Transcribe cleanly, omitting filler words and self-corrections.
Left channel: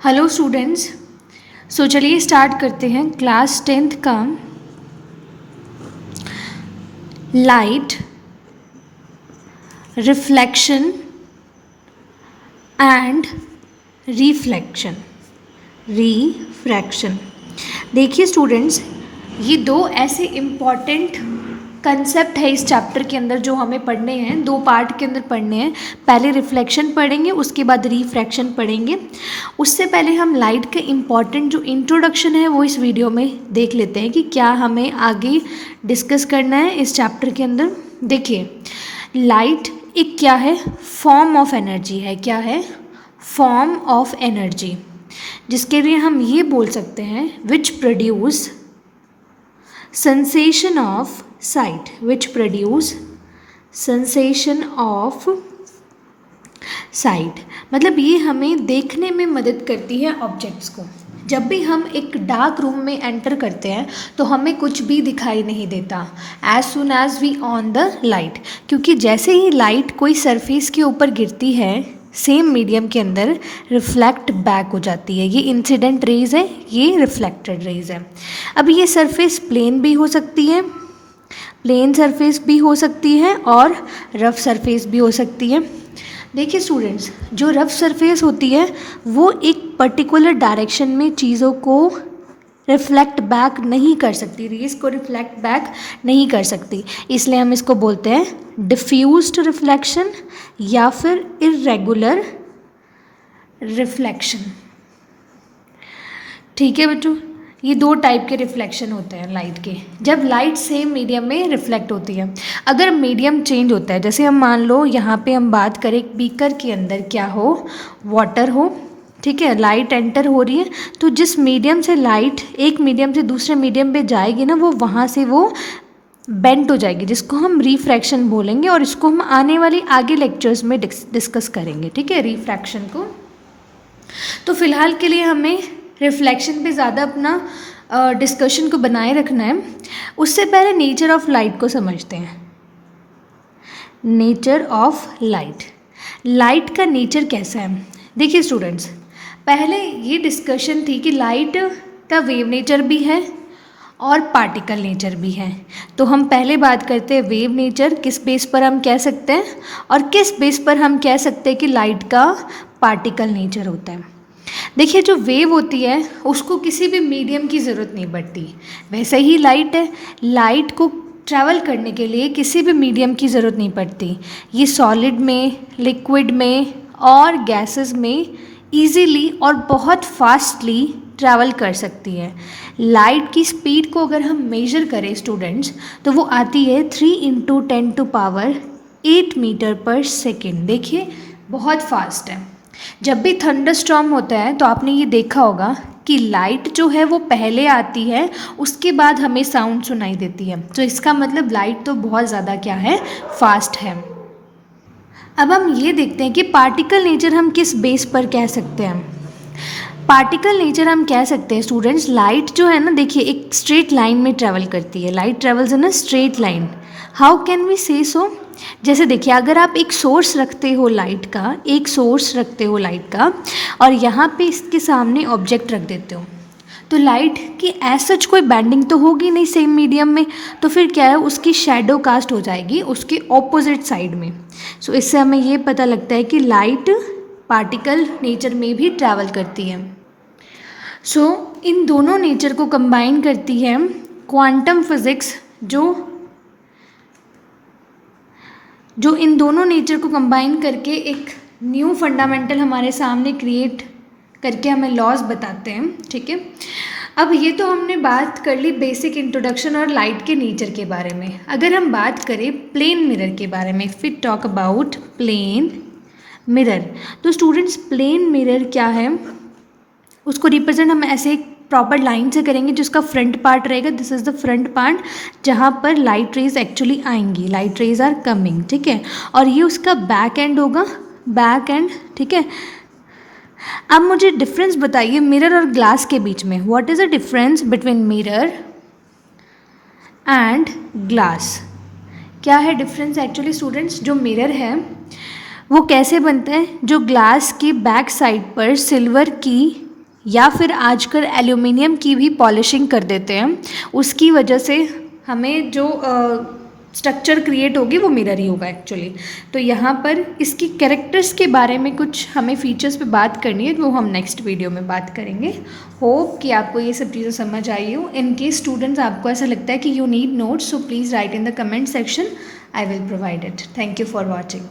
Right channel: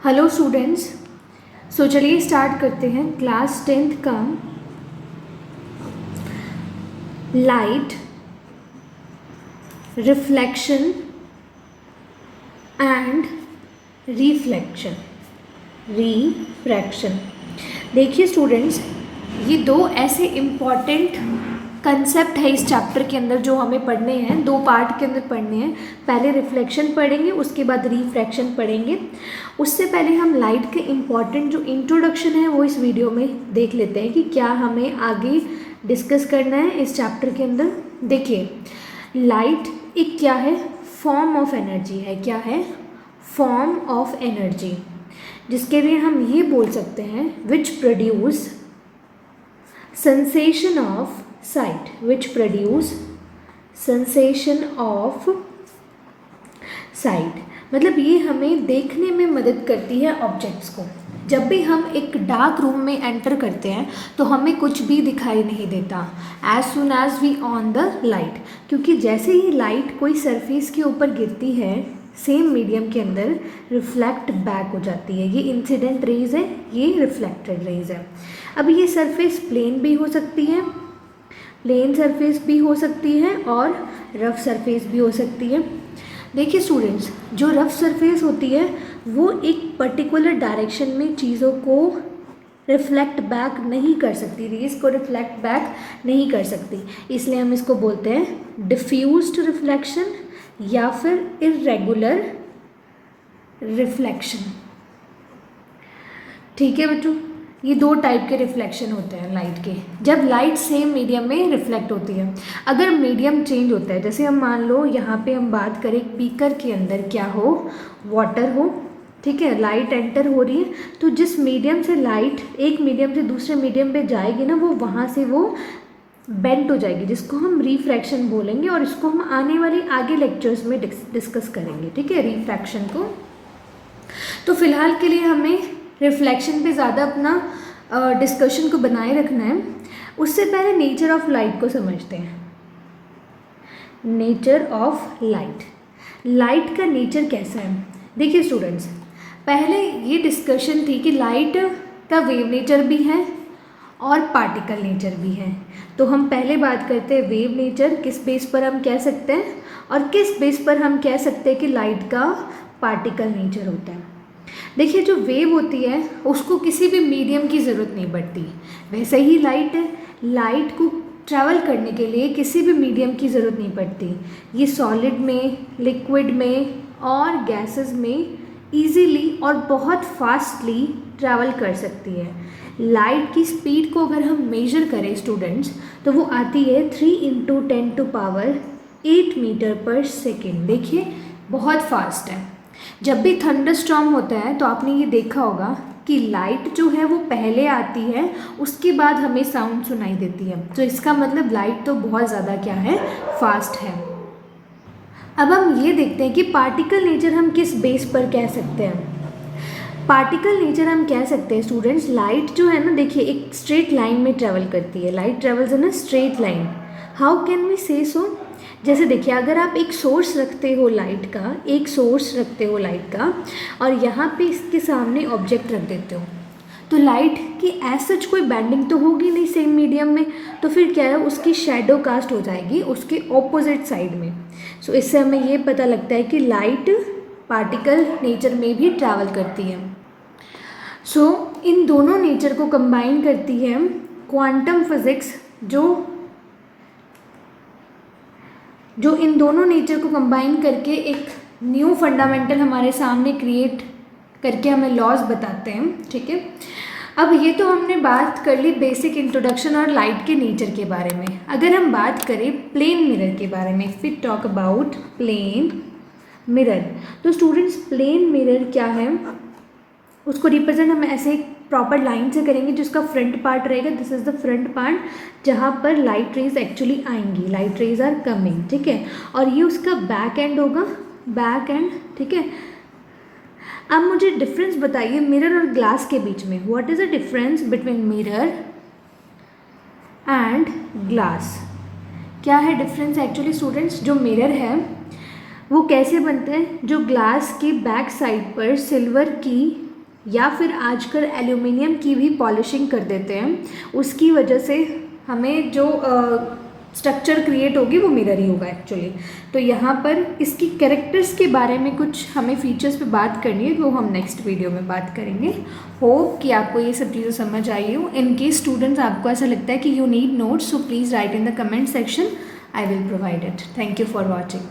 Hello students. चलिए start करते हैं क्लास 10th का लाइट रिफ्लेक्शन एंड रिफ्रैक्शन। देखिए स्टूडेंट्स, ये दो ऐसे इम्पॉर्टेंट कंसेप्ट है इस चैप्टर के अंदर जो हमें पढ़ने हैं, दो पार्ट के अंदर पढ़ने हैं। पहले रिफ्लेक्शन पढ़ेंगे, उसके बाद रिफ्रैक्शन पढ़ेंगे। उससे पहले हम लाइट के इम्पॉर्टेंट जो इंट्रोडक्शन है वो इस वीडियो में देख लेते हैं कि क्या हमें आगे डिस्कस करना है इस चैप्टर के अंदर। देखिए, लाइट एक क्या है, फॉर्म ऑफ एनर्जी है। क्या है? फॉर्म ऑफ एनर्जी, जिसके लिए हम ये बोल सकते हैं which produce sensation of sight, which produce sensation of sight। मतलब ये हमें देखने में मदद करती है ऑब्जेक्ट्स को। जब भी हम एक डार्क रूम में एंटर करते हैं तो हमें कुछ भी दिखाई नहीं देता as soon as we on the light, क्योंकि जैसे ही लाइट कोई सरफेस के ऊपर गिरती है सेम मीडियम के अंदर रिफ्लेक्ट बैक हो जाती है। ये इंसिडेंट रेज है, ये रिफ्लेक्टेड रेज है। अब ये सरफेस प्लेन भी हो सकती है, प्लेन सरफेस भी हो सकती है और रफ सरफेस भी हो सकती है। देखिए स्टूडेंट्स, जो रफ सरफेस होती है वो एक पर्टिकुलर डायरेक्शन में चीज़ों को रिफ्लेक्ट बैक नहीं कर सकती, रेज को रिफ्लेक्ट बैक नहीं कर सकती, इसलिए हम इसको बोलते हैं डिफ्यूज्ड रिफ्लेक्शन या फिर इर्रेगुलर रिफ्लेक्शन। ठीक है बच्चों, ये दो टाइप के रिफ्लेक्शन होते हैं लाइट के, जब लाइट सेम मीडियम में रिफ्लेक्ट होती है। अगर मीडियम चेंज होता है, जैसे हम मान लो यहाँ पे हम बात करें बीकर के अंदर क्या हो, वाटर हो, ठीक है, लाइट एंटर हो रही है, तो जिस मीडियम से लाइट एक मीडियम से दूसरे मीडियम पे जाएगी ना, वो वहाँ से वो बेंट हो जाएगी, जिसको हम रिफ्रैक्शन बोलेंगे, और इसको हम आने वाले आगे लेक्चर्स में डिस्कस करेंगे। ठीक है, रिफ्रैक्शन को। तो फिलहाल के लिए हमें रिफ्लेक्शन पे ज़्यादा अपना डिस्कशन को बनाए रखना है। उससे पहले नेचर ऑफ लाइट को समझते हैं। नेचर ऑफ लाइट, लाइट का नेचर कैसा है? देखिए स्टूडेंट्स, पहले ये डिस्कशन थी कि लाइट का वेव नेचर भी है और पार्टिकल नेचर भी है। तो हम पहले बात करते हैं वेव नेचर, किस बेस पर हम कह सकते हैं, और किस बेस पर हम कह सकते हैं कि लाइट का पार्टिकल नेचर होता है। देखिए, जो वेव होती है उसको किसी भी मीडियम की ज़रूरत नहीं पड़ती, वैसे ही लाइट है, लाइट को ट्रैवल करने के लिए किसी भी मीडियम की ज़रूरत नहीं पड़ती। ये सॉलिड में, लिक्विड में और गैसेस में ईजीली और बहुत फास्टली ट्रैवल कर सकती है। लाइट की स्पीड को अगर हम मेजर करें स्टूडेंट्स, तो वो आती है 3 × 10⁸ मीटर पर सेकेंड। देखिए, बहुत फास्ट है। जब भी थंडरस्टॉर्म होता है तो आपने ये देखा होगा कि लाइट जो है वो पहले आती है, उसके बाद हमें साउंड सुनाई देती है। तो इसका मतलब लाइट तो बहुत ज़्यादा क्या है, फास्ट है। अब हम ये देखते हैं कि पार्टिकल नेचर हम किस बेस पर कह सकते हैं। पार्टिकल नेचर हम कह सकते हैं स्टूडेंट्स, लाइट जो है ना, देखिए एक स्ट्रेट लाइन में ट्रैवल करती है। Light travels in a straight line. How can we say so? जैसे देखिए, अगर आप एक सोर्स रखते हो लाइट का, एक सोर्स रखते हो लाइट का, और यहाँ पे इसके सामने ऑब्जेक्ट रख देते हो, तो लाइट की एज सच कोई बैंडिंग तो होगी नहीं सेम मीडियम में, तो फिर क्या है, उसकी शेडो कास्ट हो जाएगी उसके ऑपोजिट साइड में। सो इससे हमें ये पता लगता है कि लाइट पार्टिकल नेचर में भी ट्रैवल करती है। सो इन दोनों नेचर को कंबाइन करती है क्वांटम फिजिक्स, जो इन दोनों नेचर को कंबाइन करके एक न्यू फंडामेंटल हमारे सामने क्रिएट करके हमें लॉज बताते हैं। ठीक है, अब ये तो हमने बात कर ली बेसिक इंट्रोडक्शन और लाइट के नेचर के बारे में। अगर हम बात करें प्लेन मिरर के बारे में, if we talk about plane mirror, तो स्टूडेंट्स प्लेन मिरर क्या है, उसको रिप्रेजेंट हम ऐसे प्रॉपर लाइन से करेंगे। जिसका फ्रंट पार्ट रहेगा, this is the front part, जहाँ पर लाइट रेज एक्चुअली आएंगी, लाइट रेज आर कमिंग। ठीक है, और ये उसका बैक एंड होगा, बैक एंड। ठीक है, अब मुझे डिफरेंस बताइए मिरर और ग्लास के बीच में। What is the difference between mirror and glass? क्या है डिफरेंस एक्चुअली स्टूडेंट्स? जो मिरर है वो कैसे बनता है, जो ग्लास के बैक साइड पर सिल्वर की या फिर आजकल एल्यूमिनियम की भी पॉलिशिंग कर देते हैं, उसकी वजह से हमें जो स्ट्रक्चर क्रिएट होगी वो मिरर ही होगा एक्चुअली। तो यहाँ पर इसकी कैरेक्टर्स के बारे में कुछ हमें फीचर्स पे बात करनी है, वो हम नेक्स्ट वीडियो में बात करेंगे। होप कि आपको ये सब चीज़ें समझ आई हो। इन केस स्टूडेंट्स आपको ऐसा लगता है कि you need notes, so please write in the comment section, I will provide it. Thank you for watching.